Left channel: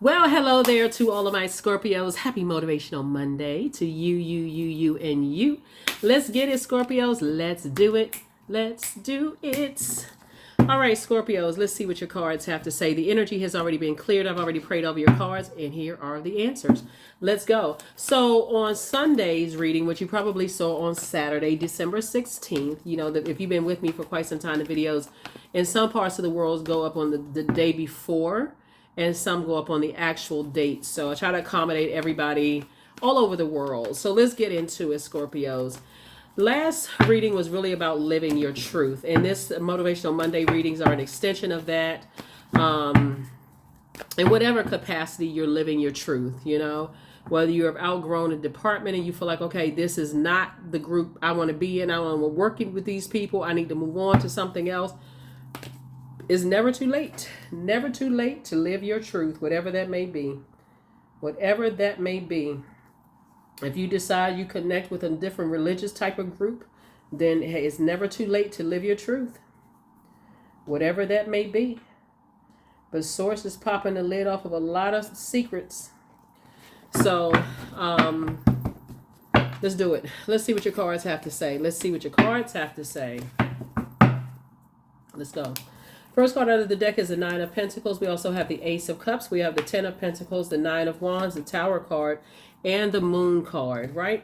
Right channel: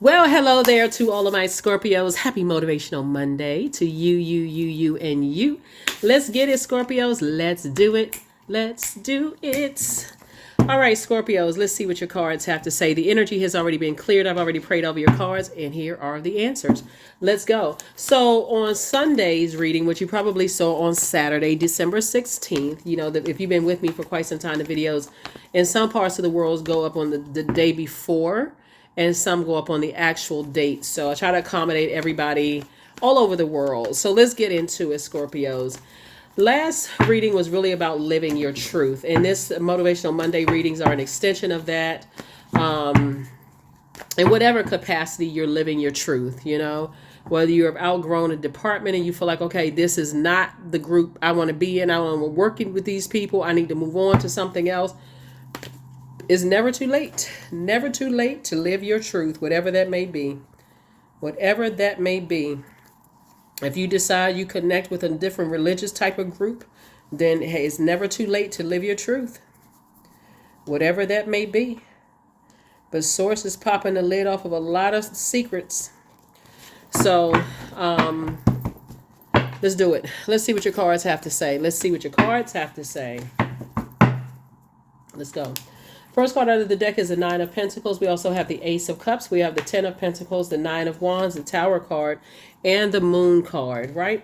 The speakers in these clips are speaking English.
Well, hello there to all of my Scorpios. Happy Motivational Monday to you, and you. Let's get it, Scorpios. Let's do it. Let's do it. All right, Scorpios, let's see what your cards have to say. The energy has already been cleared. I've already prayed over your cards, and here are the answers. Let's go. So on Sunday's reading, which you probably saw on Saturday, December 16th, if you've been with me for quite some time, the videos in some parts of the world go up on the day before, and some go up on the actual date. So I try to accommodate everybody all over the world. So let's get into it, Scorpios. Last reading was really about living your truth, and this Motivational Monday readings are an extension of that. In whatever capacity you're living your truth, whether you've outgrown a department and you feel like, okay, this is not the group I want to be in. I want to work with these people. I need to move on to something else. It's never too late. Never too late to live your truth, whatever that may be. Whatever that may be. If you decide you connect with a different religious type of group, then hey, it's never too late to live your truth. Whatever that may be. But Source is popping the lid off of a lot of secrets. So, let's do it. Let's see what your cards have to say. Let's see what your cards have to say. Let's go. First card under the deck is the Nine of Pentacles. We also have the Ace of Cups. We have the Ten of Pentacles, the Nine of Wands, the Tower card, and the Moon card, right?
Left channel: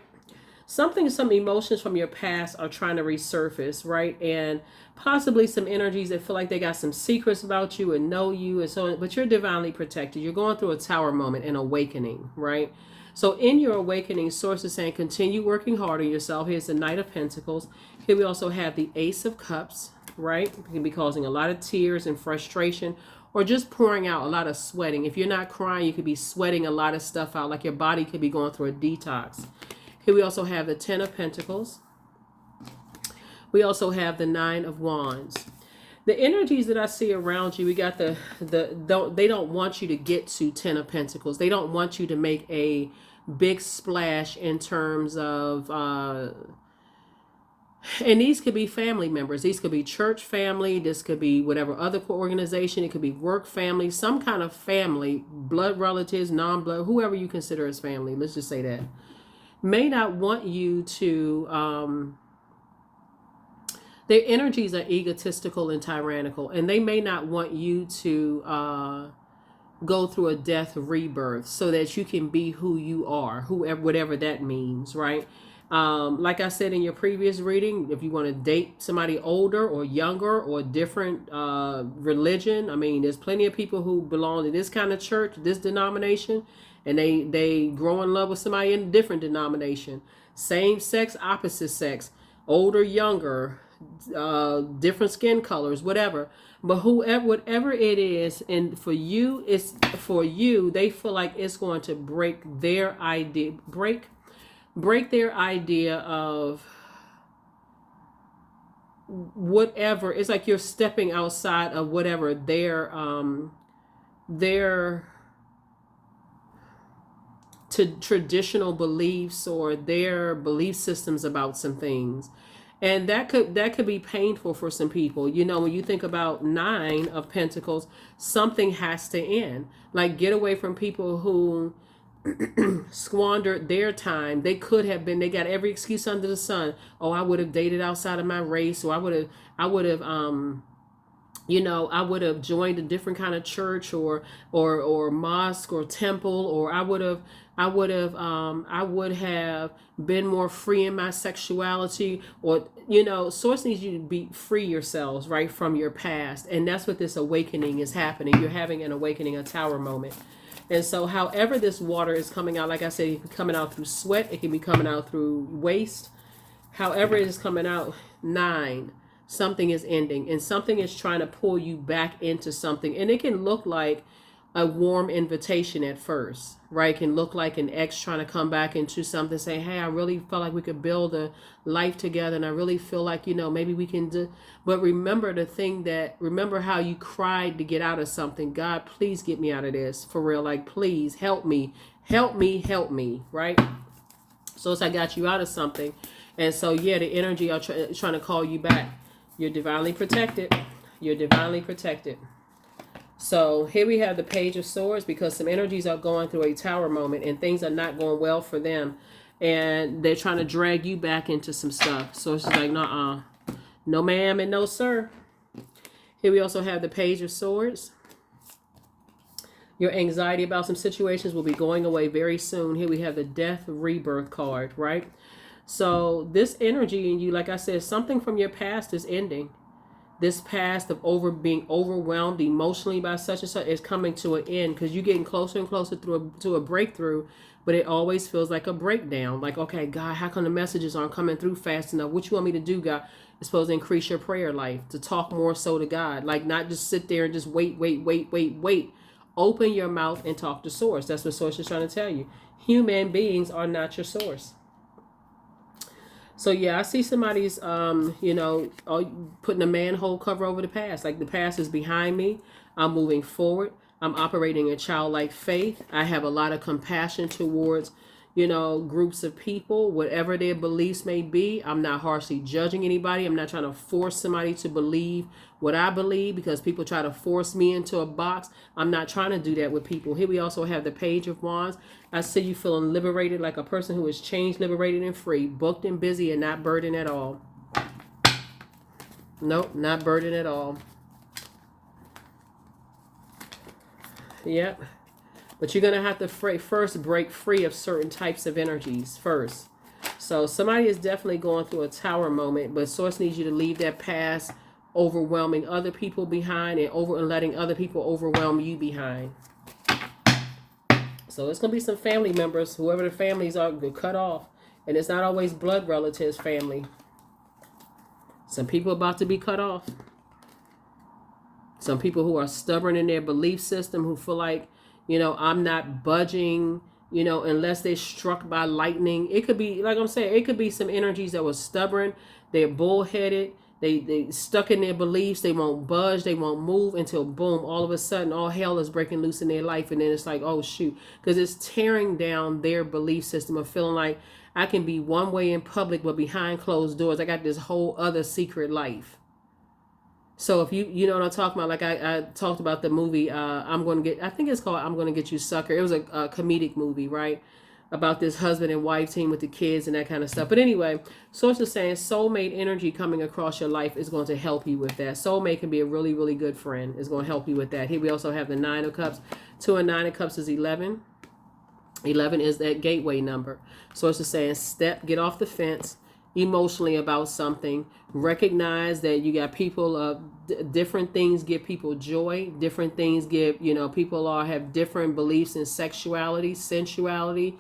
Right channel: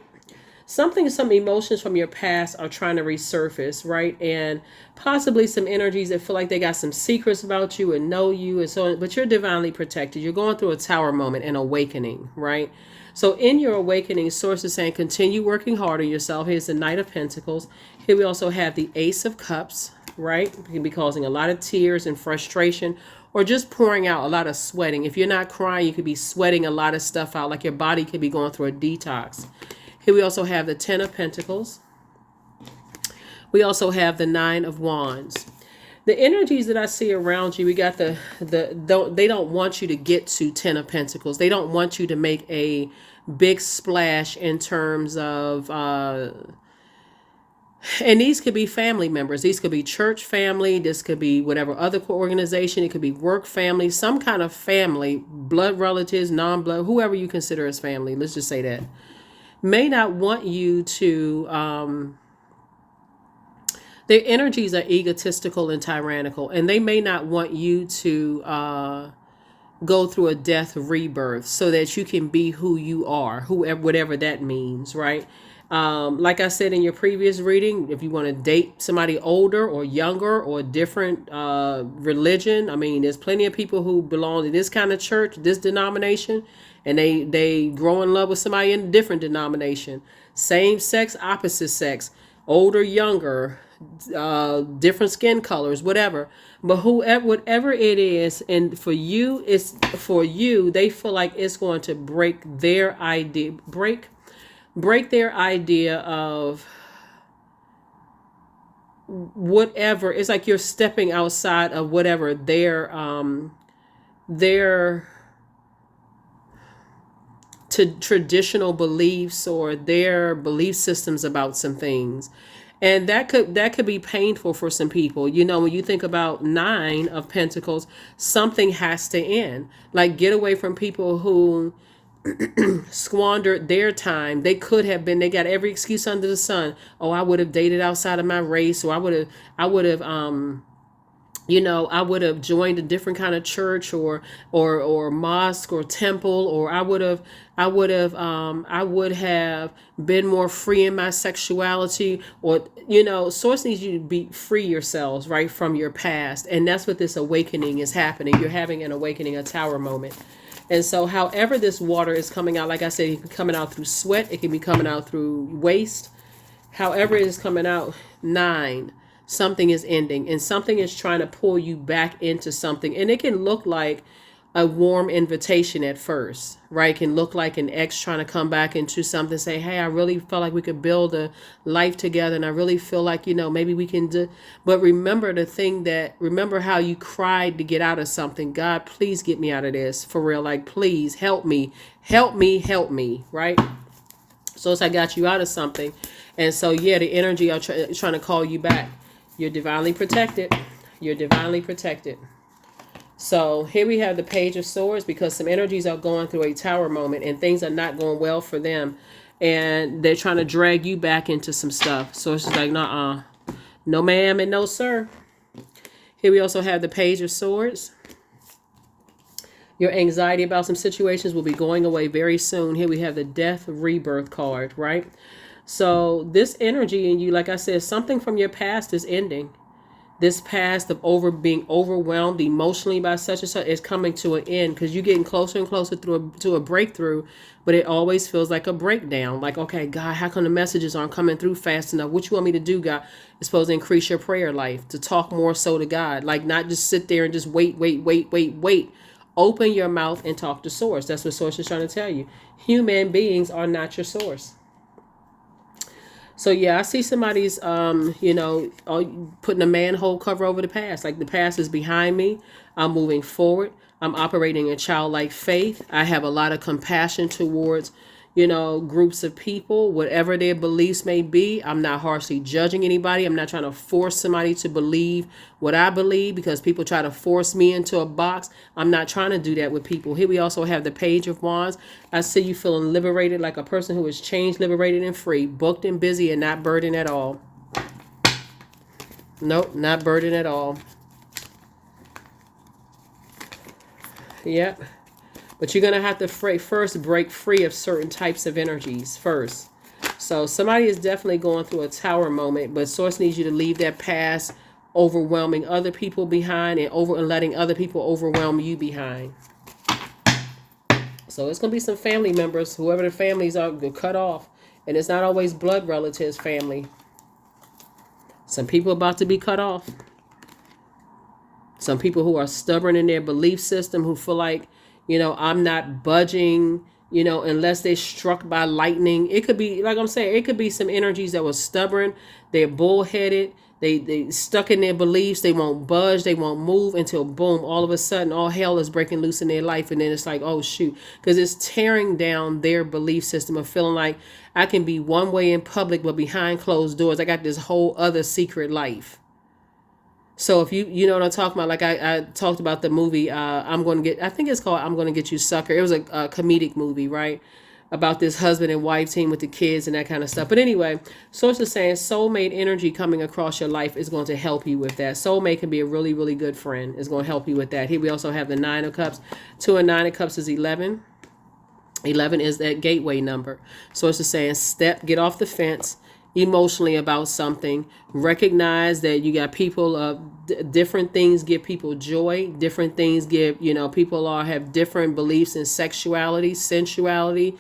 Some emotions from your past are trying to resurface, right? And possibly some energies that feel like they got some secrets about you and know you and so on, but you're divinely protected. You're going through a tower moment, an awakening, right? So in your awakening, Source is saying continue working hard on yourself. Here's the Knight of Pentacles. Here we also have the Ace of Cups, right? It can be causing a lot of tears and frustration, or just pouring out a lot of sweating. If you're not crying, you could be sweating a lot of stuff out, like your body could be going through a detox. Here we also have the Ten of Pentacles. We also have the Nine of Wands. The energies that I see around you, we got they don't want you to get to Ten of Pentacles. They don't want you to make a big splash in terms of and these could be family members. These could be church family. This could be whatever other organization. It could be work family, some kind of family, blood relatives, non-blood, whoever you consider as family. Let's just say that. May not want you to, their energies are egotistical and tyrannical, and they may not want you to go through a death rebirth so that you can be who you are, whatever that means, right? Like I said in your previous reading, if you want to date somebody older or younger or different religion, I mean, there's plenty of people who belong to this kind of church, this denomination, and they grow in love with somebody in a different denomination. Same sex, opposite sex, older, younger, different skin colors, whatever. But whatever it is, and for you, they feel like it's going to break their their idea of whatever. It's like you're stepping outside of whatever their traditional beliefs or their belief systems about some things. And that could be painful for some people. When you think about Nine of Pentacles, something has to end. Like, get away from people who squandered their time. They got every excuse under the sun. Oh, I would have dated outside of my race, or I would have I would have joined a different kind of church or mosque or temple, or I would have been more free in my sexuality, or Source needs you to be free yourselves, right, from your past. And that's what this awakening is happening. You're having an awakening, a tower moment. And so however this water is coming out, like I said, it can be coming out through sweat. It can be coming out through waste. However it is coming out, Nine, something is ending and something is trying to pull you back into something. And it can look like a warm invitation at first, right? It can look like an ex trying to come back into something, say, hey, I really felt like we could build a life together. And I really feel like, maybe we can do. But remember remember how you cried to get out of something. God, please get me out of this, for real. Like, please help me, right? So it's I got you out of something. And so, yeah, the energy are trying to call you back. You're divinely protected. You're divinely protected. So here we have the Page of Swords, because some energies are going through a tower moment and things are not going well for them. And they're trying to drag you back into some stuff. So it's just like, nah, no ma'am and no sir. Here we also have the Page of Swords. Your anxiety about some situations will be going away very soon. Here we have the Death Rebirth card, right? So this energy in you, like I said, something from your past is ending. This past of being overwhelmed emotionally by such and such is coming to an end, because you're getting closer and closer to a breakthrough, but it always feels like a breakdown. Like, okay, God, how come the messages aren't coming through fast enough? What you want me to do, God? It's supposed to increase your prayer life, to talk more so to God. Like, not just sit there and just wait. Open your mouth and talk to Source. That's what Source is trying to tell you. Human beings are not your source. So yeah, I see somebody's putting a manhole cover over the past. Like, the past is behind me. I'm moving forward. I'm operating in childlike faith. I have a lot of compassion towards, groups of people, whatever their beliefs may be. I'm not harshly judging anybody. I'm not trying to force somebody to believe what I believe, because people try to force me into a box. I'm not trying to do that with people. Here we also have the Page of Wands. I see you feeling liberated, like a person who is changed, liberated, and free, booked and busy, and not burdened at all. Nope, not burdened at all. Yep. But you're going to have to first break free of certain types of energies first. So somebody is definitely going through a tower moment, but Source needs you to leave that past overwhelming other people behind, and letting other people overwhelm you behind. So it's going to be some family members, whoever the families are, cut off. And it's not always blood relatives, family. Some people about to be cut off. Some people who are stubborn in their belief system, who feel like, I'm not budging, unless they're struck by lightning. It could be, like I'm saying, it could be some energies that were stubborn. They're bullheaded. They stuck in their beliefs. They won't budge. They won't move until, boom, all of a sudden, all hell is breaking loose in their life. And then it's like, oh, shoot. Because it's tearing down their belief system of feeling like, I can be one way in public, but behind closed doors, I got this whole other secret life. So if you know what I'm talking about, like I talked about the movie, I think it's called I'm Gonna Get You Sucker. It was a comedic movie, right? About this husband and wife team with the kids and that kind of stuff. But anyway, Source is saying soulmate energy coming across your life is going to help you with that. Soulmate can be a really, really good friend. It's going to help you with that. Here we also have the 9 of Cups. 2 and 9 of Cups is 11. 11 is that gateway number. Source is saying get off the fence emotionally about something. Recognize that you got people, different things give people joy. Different things give, people have different beliefs in sexuality, sensuality,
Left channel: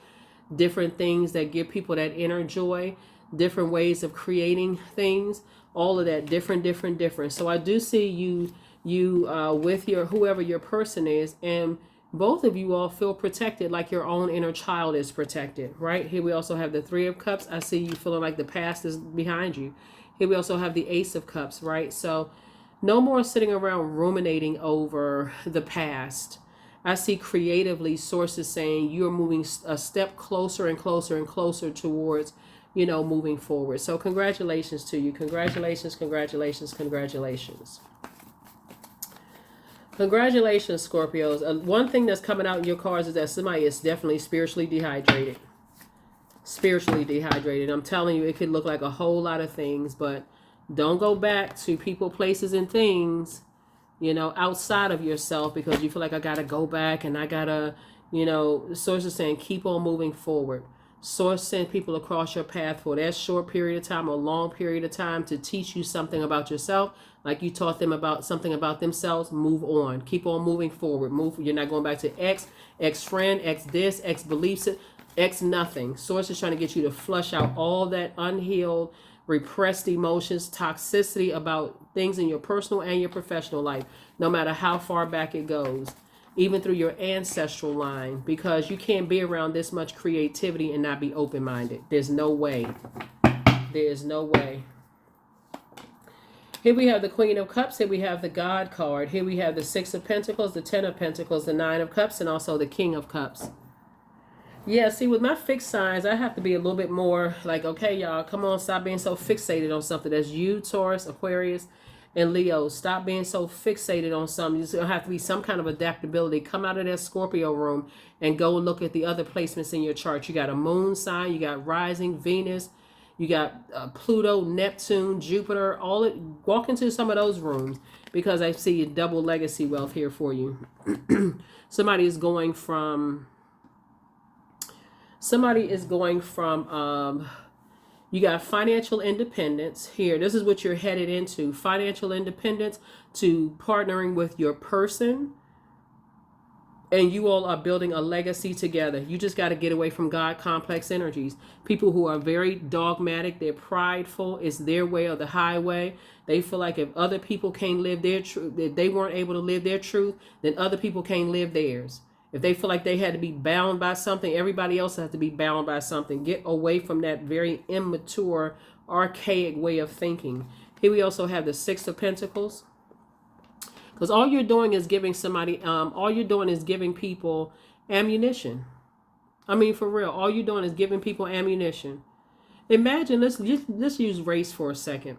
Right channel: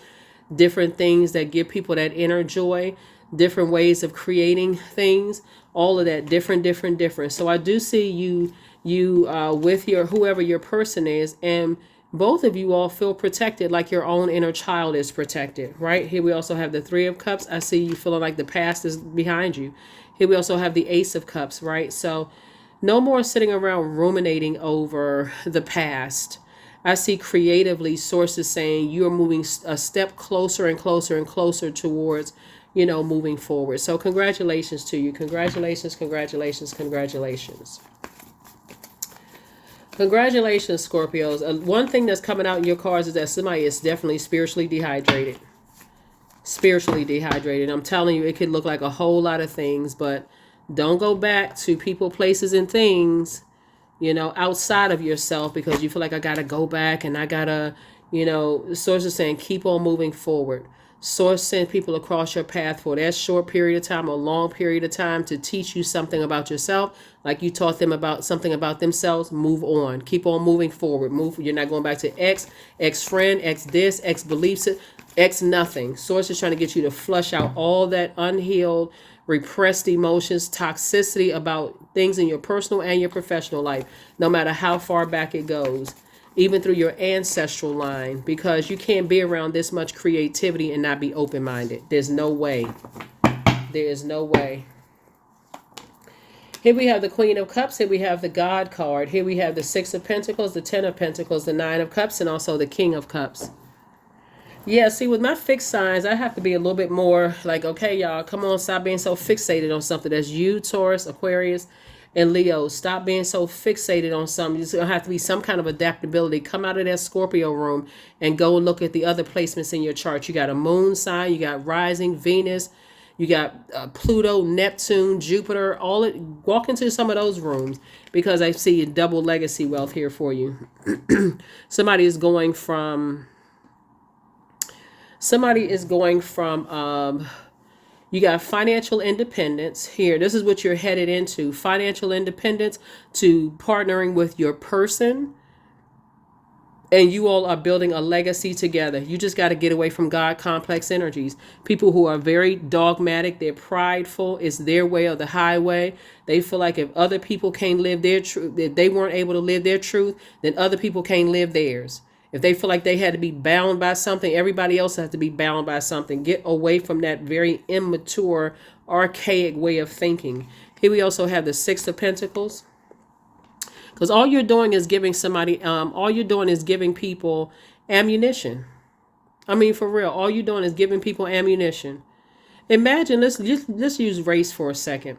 different things that give people that inner joy, different ways of creating things, all of that, different. So I do see you with whoever your person is, and both of you all feel protected, like your own inner child is protected, right? Here we also have the 3 of Cups. I see you feeling like the past is behind you. Here we also have the Ace of Cups, right? So no more sitting around ruminating over the past. I see creatively Sources saying you're moving a step closer and closer and closer towards, moving forward. So congratulations to you. Congratulations. Congratulations, Scorpios. One thing that's coming out in your cards is that somebody is definitely spiritually dehydrated. I'm telling you, it could look like a whole lot of things, but don't go back to people, places, and things, outside of yourself, because you feel like I got to go back and I got to, Source is saying keep on moving forward. Source sent people across your path for that short period of time or long period of time to teach you something about yourself, like you taught them about something about themselves. Move on. Keep on moving forward. You're not going back to ex friend, ex this, ex beliefs, ex nothing. Source is trying to get you to flush out all that unhealed, repressed emotions, toxicity about things in your personal and your professional life, no matter how far back it goes, even through your ancestral line, because you can't be around this much creativity and not be open-minded. There's no way. There is no way. Here we have the Queen of Cups. Here we have the God card. Here we have the 6 of Pentacles, the 10 of Pentacles, the 9 of Cups, and also the King of Cups. Yeah, see, with my fixed signs, I have to be a little bit more like, okay, y'all, come on, stop being so fixated on something. That's you, Taurus, Aquarius, And Leo, stop being so fixated on something. There's going to have to be some kind of adaptability. Come out of that Scorpio room and go and look at the other placements in your chart. You got a moon sign, you got rising Venus, you got Pluto, Neptune, Jupiter. Walk into some of those rooms, because I see double legacy wealth here for you. Somebody is going from you got financial independence here. This is what you're headed into. Financial independence to partnering with your person. And you all are building a legacy together. You just got to get away from God complex energies. People who are very dogmatic, they're prideful. It's their way or the highway. They feel like if other people can't live their truth, if they weren't able to live their truth, then other people can't live theirs. If they feel like they had to be bound by something, everybody else has to be bound by something. Get away from that very immature, archaic way of thinking. Here we also have the Six of Pentacles. Because all you're doing is giving people ammunition. I mean, for real, all you're doing is giving people ammunition. Imagine, let's use race for a second.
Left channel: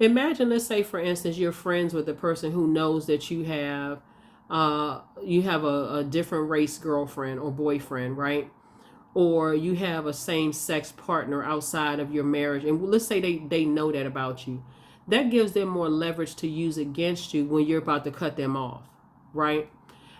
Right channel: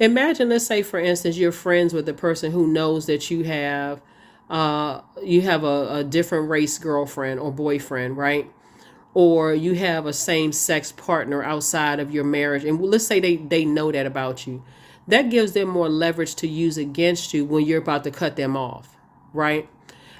Imagine, let's say, for instance, you're friends with a person who knows that you have a different race girlfriend or boyfriend, right? Or you have a same-sex partner outside of your marriage. And let's say they know that about you. That gives them more leverage to use against you when you're about to cut them off, right?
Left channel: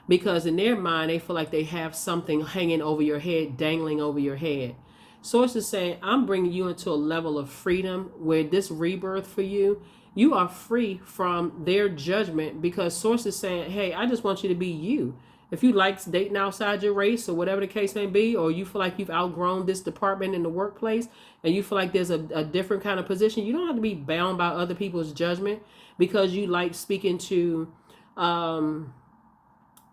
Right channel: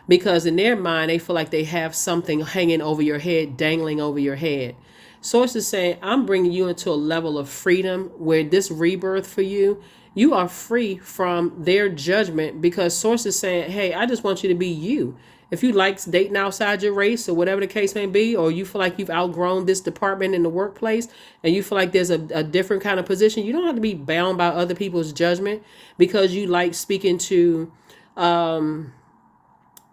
Because in their mind, they feel like they have something hanging over your head, dangling over your head. Source is saying, I'm bringing you into a level of freedom where this rebirth for you, you are free from their judgment, because Source is saying, hey, I just want you to be you. If you like dating outside your race or whatever the case may be, or you feel like you've outgrown this department in the workplace and you feel like there's a different kind of position, you don't have to be bound by other people's judgment because you like speaking to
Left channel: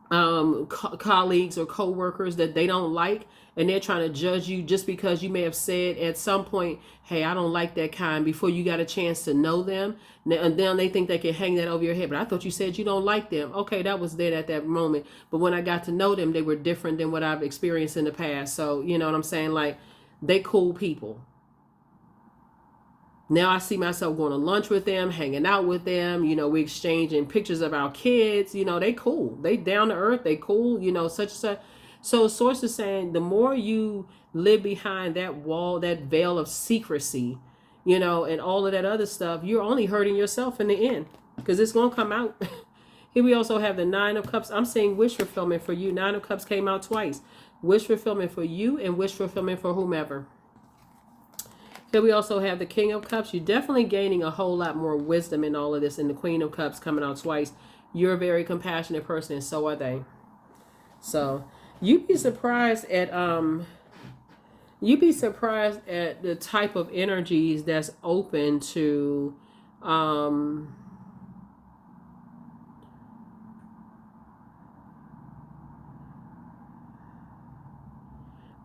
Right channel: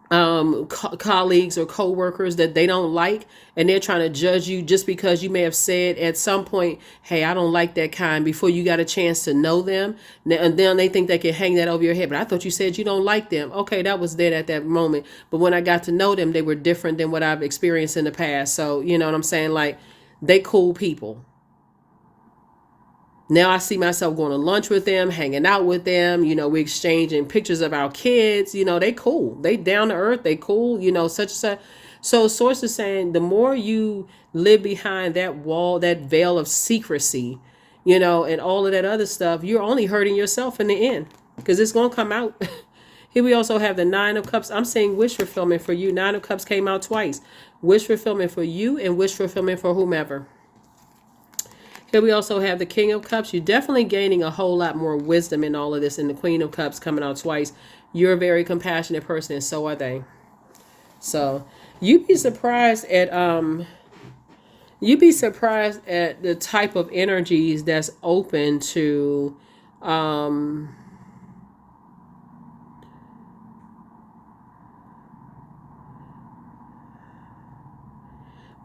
colleagues or co-workers that they don't like, and they're trying to judge you just because you may have said at some point, hey, I don't like that kind, before you got a chance to know them. And then they think they can hang that over your head. But I thought you said you don't like them. Okay, that was then at that moment. But when I got to know them, they were different than what I've experienced in the past. So, you know what I'm saying? Like, they cool people. Now I see myself going to lunch with them, hanging out with them. You know, we exchanging pictures of our kids. You know, they cool. They down to earth. They cool. You know, such and such. So Source is saying the more you live behind that wall, that veil of secrecy, you know, and all of that other stuff, you're only hurting yourself in the end, because it's going to come out. Here we also have the Nine of Cups. I'm saying wish fulfillment for you. Nine of Cups came out twice. Wish fulfillment for you and wish fulfillment for whomever. Here we also have the King of Cups. You're definitely gaining a whole lot more wisdom in all of this. And the Queen of Cups coming out twice. You're a very compassionate person, and so are they. So you'd be surprised at the type of energies that's open to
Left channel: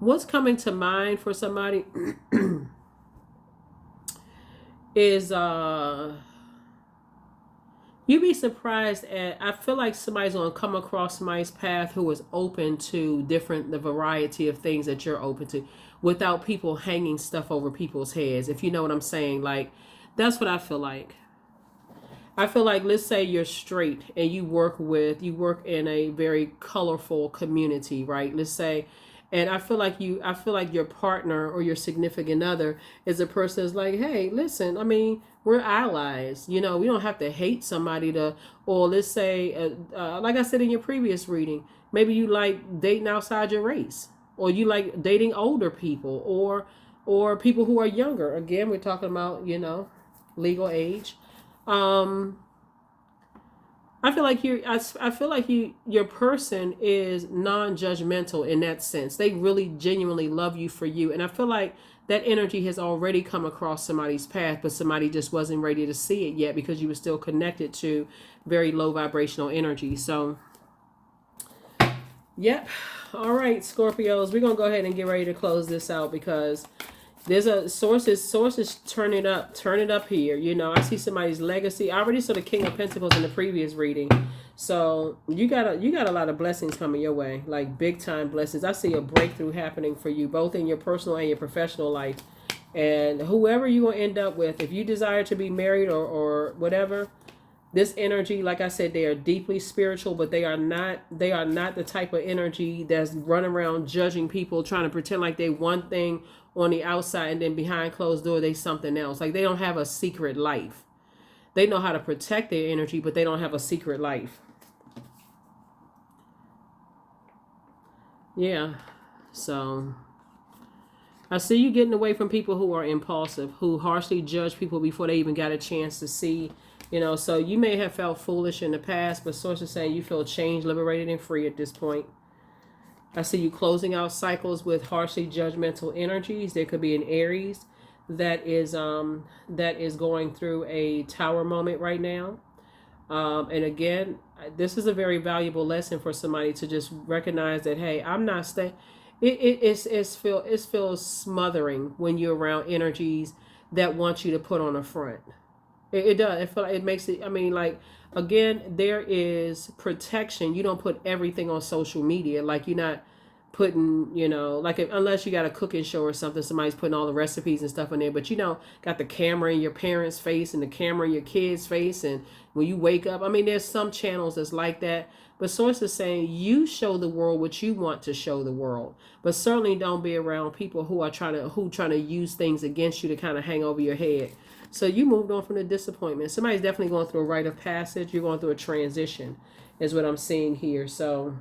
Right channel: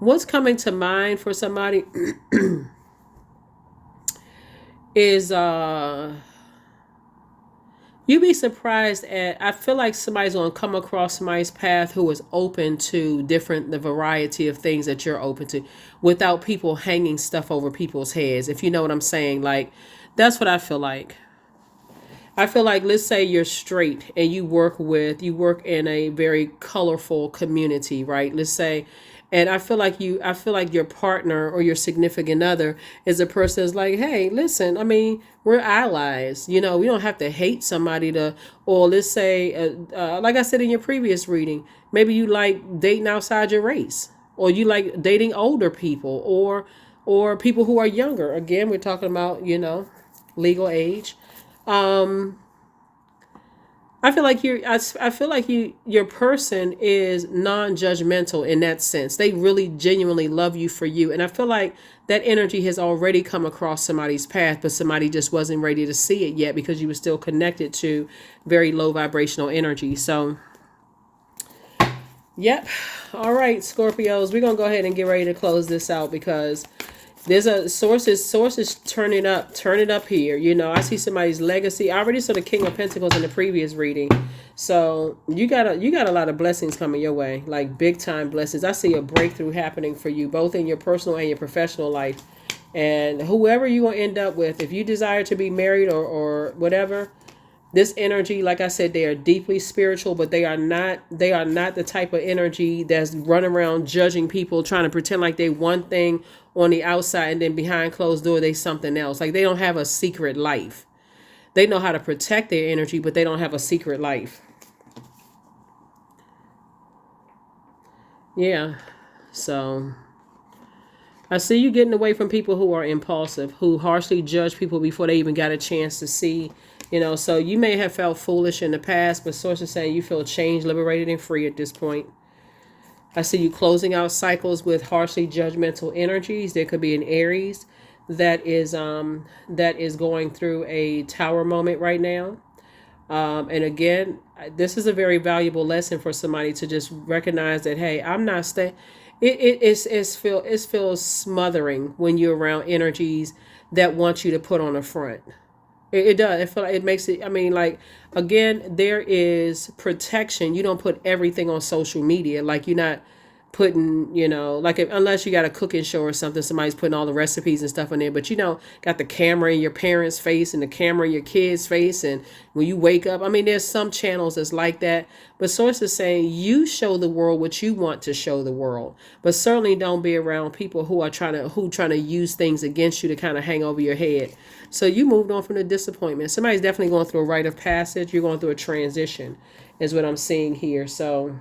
what's coming to mind for somebody is you'd be surprised at, I feel like somebody's going to come across somebody's path who is open to the variety of things that you're open to, without people hanging stuff over people's heads, if you know what I'm saying. Like, that's what I feel like. I feel like, let's say you're straight and you work in a very colorful community, right? Let's say, and I feel like your partner or your significant other is a person that's like, hey, listen, I mean, we're allies. You know, we don't have to hate somebody or let's say, like I said in your previous reading, maybe you like dating outside your race, or you like dating older people, or people who are younger. Again, we're talking about, you know, legal age. I feel like your person is non-judgmental in that sense. They really genuinely love you for you. And I feel like that energy has already come across somebody's path, but somebody just wasn't ready to see it yet because you were still connected to very low vibrational energy. So, yep. All right, Scorpios, we're going to go ahead and get ready to close this out, because there's a sources turn it up here. You know, I see somebody's legacy. I already saw the King of Pentacles in the previous reading. So you got a lot of blessings coming your way, like big time blessings. I see a breakthrough happening for you, both in your personal and your professional life. And whoever you will end up with, if you desire to be married or whatever, This energy, like I said, they are deeply spiritual, but they are not the type of energy that's running around judging people, trying to pretend like they one thing on the outside and then behind closed door they something else. Like they don't have a secret life. They know how to protect their energy, but they don't have a secret life. Yeah. So I see you getting away from people who are impulsive, who harshly judge people before they even got a chance to see. So you may have felt foolish in the past, but sources saying you feel changed, liberated, and free at this point. I see you closing out cycles with harshly judgmental energies. There could be an Aries that is going through a tower moment right now. And again, this is a very valuable lesson for somebody to just recognize that, hey, I'm not staying. It feels smothering when you're around energies that want you to put on a front. It does. It makes it. I mean, like, again, there is protection. You don't put everything on social media. Like, you're not putting, like, unless you got a cooking show or something, somebody's putting all the recipes and stuff in there. But got the camera in your parents' face and the camera in your kids' face, and when you wake up, I mean, there's some channels that's like that. But sources saying you show the world what you want to show the world, but certainly don't be around people who are trying to use things against you to kind of hang over your head. So you moved on from the disappointment. Somebody's definitely going through a rite of passage. You're going through a transition, is what I'm seeing here. So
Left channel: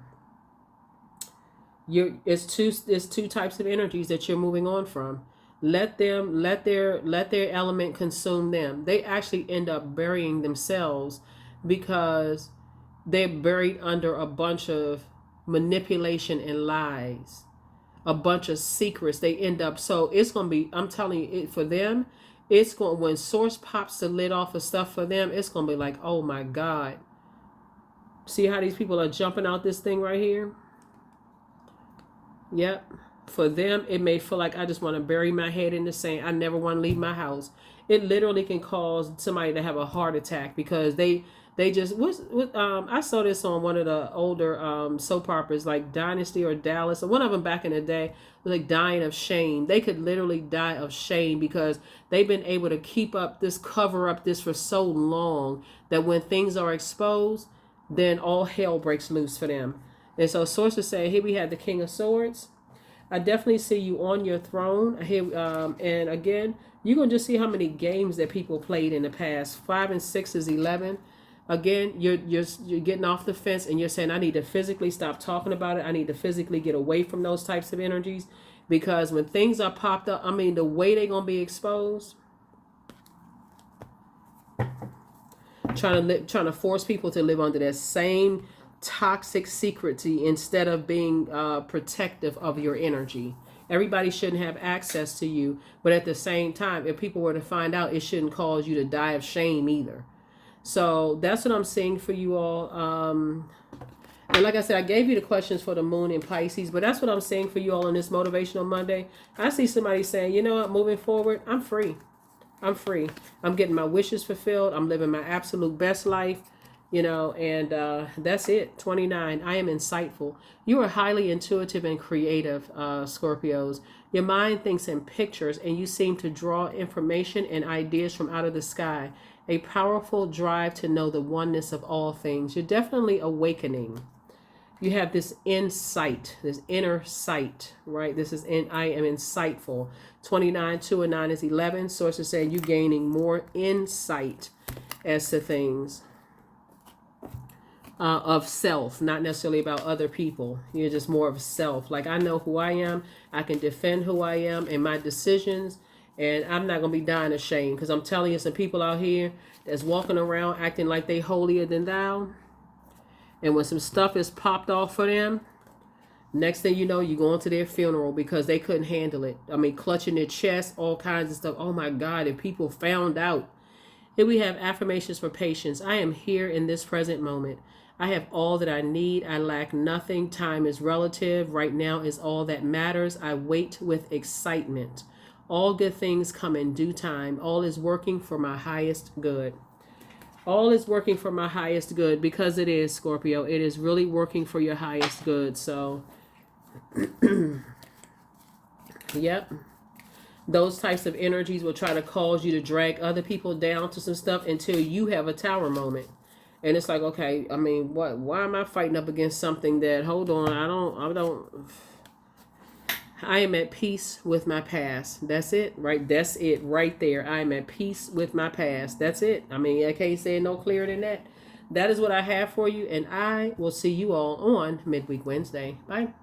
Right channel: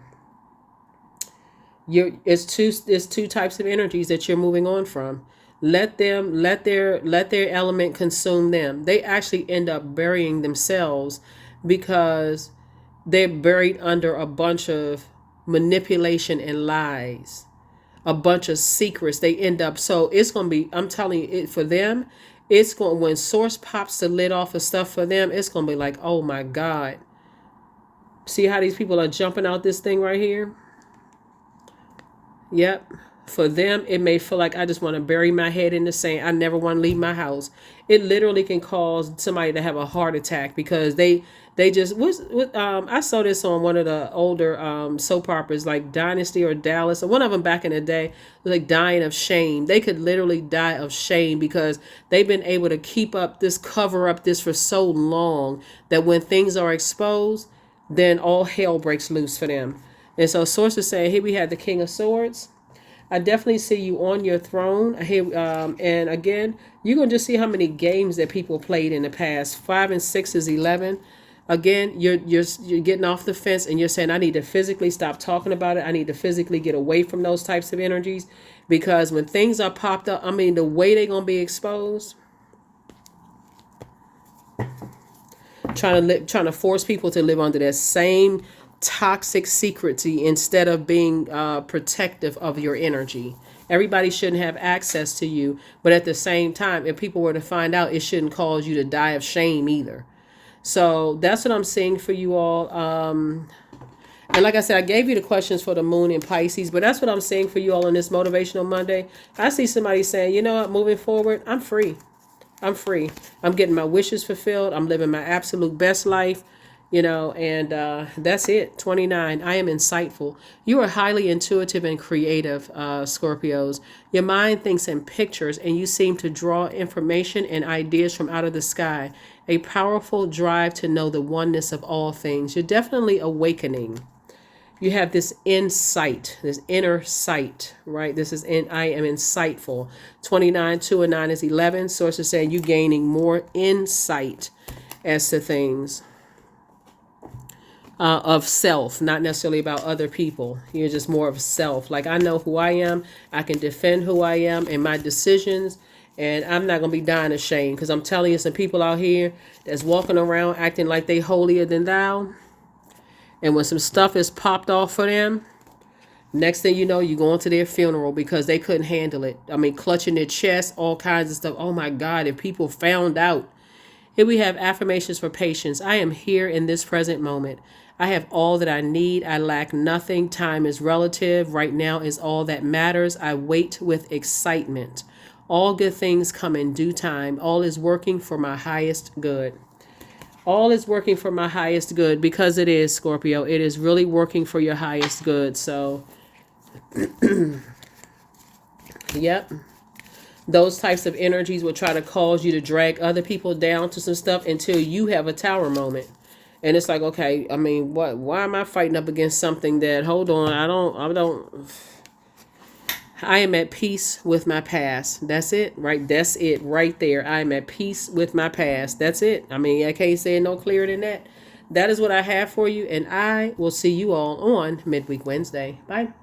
it's two types of energies that you're moving on from. Let their element consume them. They actually end up burying themselves because they're buried under a bunch of manipulation and lies, a bunch of secrets. They end up, so it's going to be, I'm telling you, for them, it's going, when source pops the lid off of stuff for them, it's going to be like, oh my God. See how these people are jumping out this thing right here? Yep. For them, it may feel like I just want to bury my head in the sand. I never want to leave my house. It literally can cause somebody to have a heart attack because they just I saw this on one of the older soap operas like Dynasty or Dallas, or one of them back in the day, like dying of shame. They could literally die of shame because they've been able to cover up this for so long that when things are exposed, then all hell breaks loose for them. And so sources saying, here we had the King of Swords. I definitely see you on your throne here, and again, you're gonna just see how many games that people played in the past. 5 and 6 is 11. Again, you're getting off the fence and you're saying, I need to physically stop talking about it. I need to physically get away from those types of energies, because when things are popped up, I mean, the way they're gonna be exposed, trying to force people to live under that same toxic secrecy instead of being protective of your energy. Everybody shouldn't have access to you, but at the same time, if people were to find out, it shouldn't cause you to die of shame either. So that's what I'm seeing for you all. And like I said, I gave you the questions for the moon in Pisces, but that's what I'm saying for you all on this Motivational Monday. I see somebody saying, you know what, moving forward, I'm free. I'm free. I'm getting my wishes fulfilled. I'm living my absolute best life. And that's it. 29. I am insightful. You are highly intuitive and creative, Scorpios. Your mind thinks in pictures and you seem to draw information and ideas from out of the sky. A powerful drive to know the oneness of all things. You're definitely awakening. You have this insight, this inner sight, right? I am insightful. 29, 2 and 9 is 11. Sources saying you gaining more insight as to things. Of self, not necessarily about other people. You're just more of self. Like, I know who I am. I can defend who I am and my decisions. And I'm not going to be dying of shame, because I'm telling you, some people out here that's walking around acting like they holier than thou. And when some stuff is popped off for them, next thing you know, you're going to their funeral because they couldn't handle it. I mean, clutching their chest, all kinds of stuff. Oh my God, if people found out. Here we have affirmations for patience. I am here in this present moment. I have all that I need. I lack nothing. Time is relative. Right now is all that matters. I wait with excitement. All good things come in due time. All is working for my highest good. All is working for my highest good, because it is, Scorpio. It is really working for your highest good. So, yep. Those types of energies will try to cause you to drag other people down to some stuff until you have a tower moment. And it's like, okay, I mean, why am I fighting up against something that, hold on, I am at peace with my past. That's it, right? That's it right there. I am at peace with my past. That's it. I mean, I can't say it no clearer than that. That is what I have for you, and I will see you all on Midweek Wednesday. Bye.